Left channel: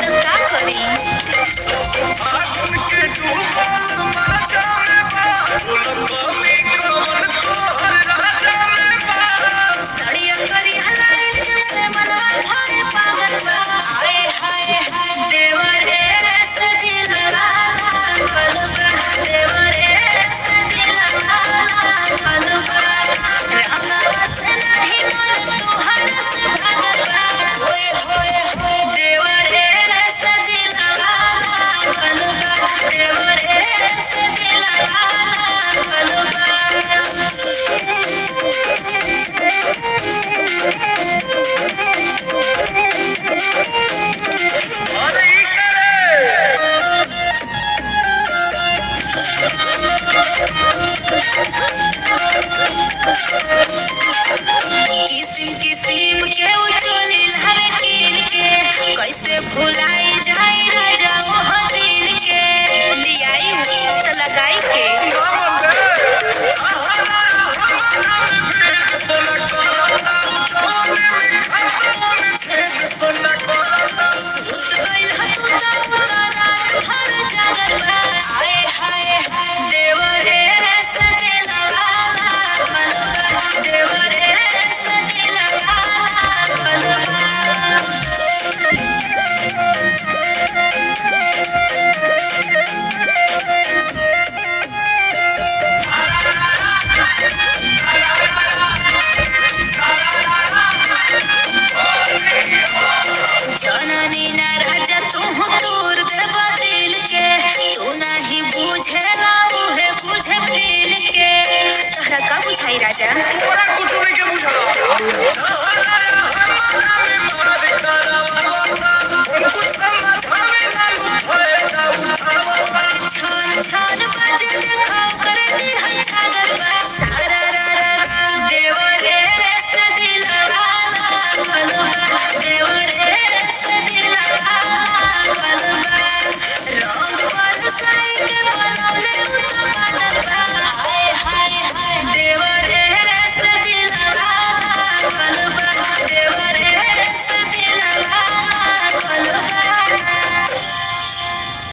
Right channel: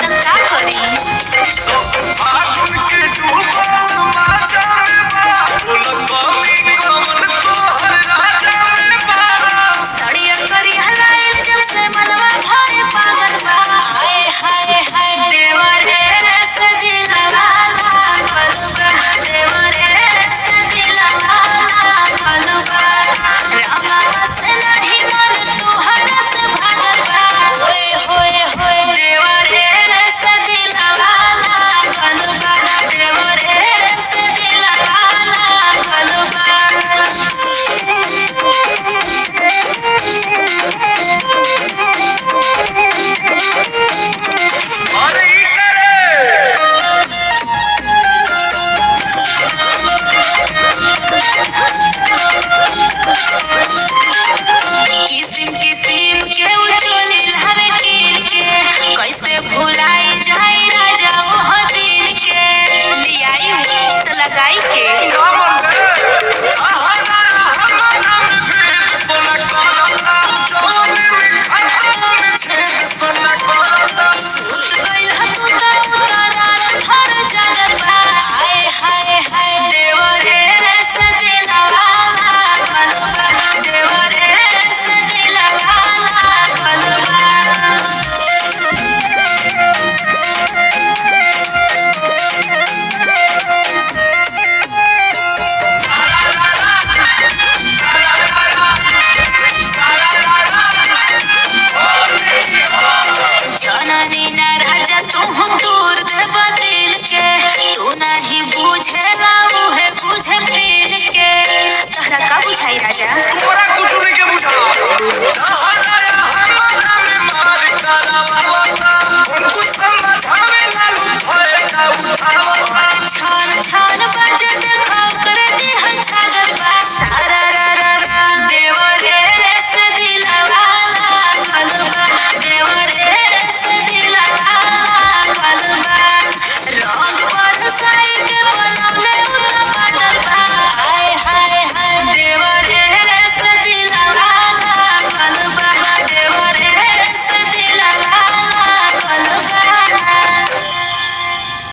त का करी सब फागुन के डूबल माजा में बा बोल कमी कवन तोहर राजा में बा सड़िया करी हलाइल जब से मनवा भरे पागल बा हाय हाय हाय देवर रे सजिलवा लागल बा देवर रे सजिलवा लागल बा रंगवा से नहीं मन तोहरा से भागल बा होय होय होय देवर रे सजिलवा लागल बा देवर रे सजिलवा लागल बा अरे ई करे किसिम किसिम के उचोली लावे कीन के कैसे भुलाई जाई राजा ओह दिन के लियाई त लगाई के ना मन रे आहाना हमारा में भेद सोना करता जवानी में खाता में छेद सोना करता सुत गइल ह तू त उतारात भर जागल बा हाय हाय हाय देवर रे सजिलवा लागल बा देवर रे सजिलवा लागल बा जननी ना राजा तू तोर देव दिल के तू नहीं बुझेला उहे बुझे फील के तहरा का बुझाई राजा तोरा कुछ नहीं के बुझा आहाना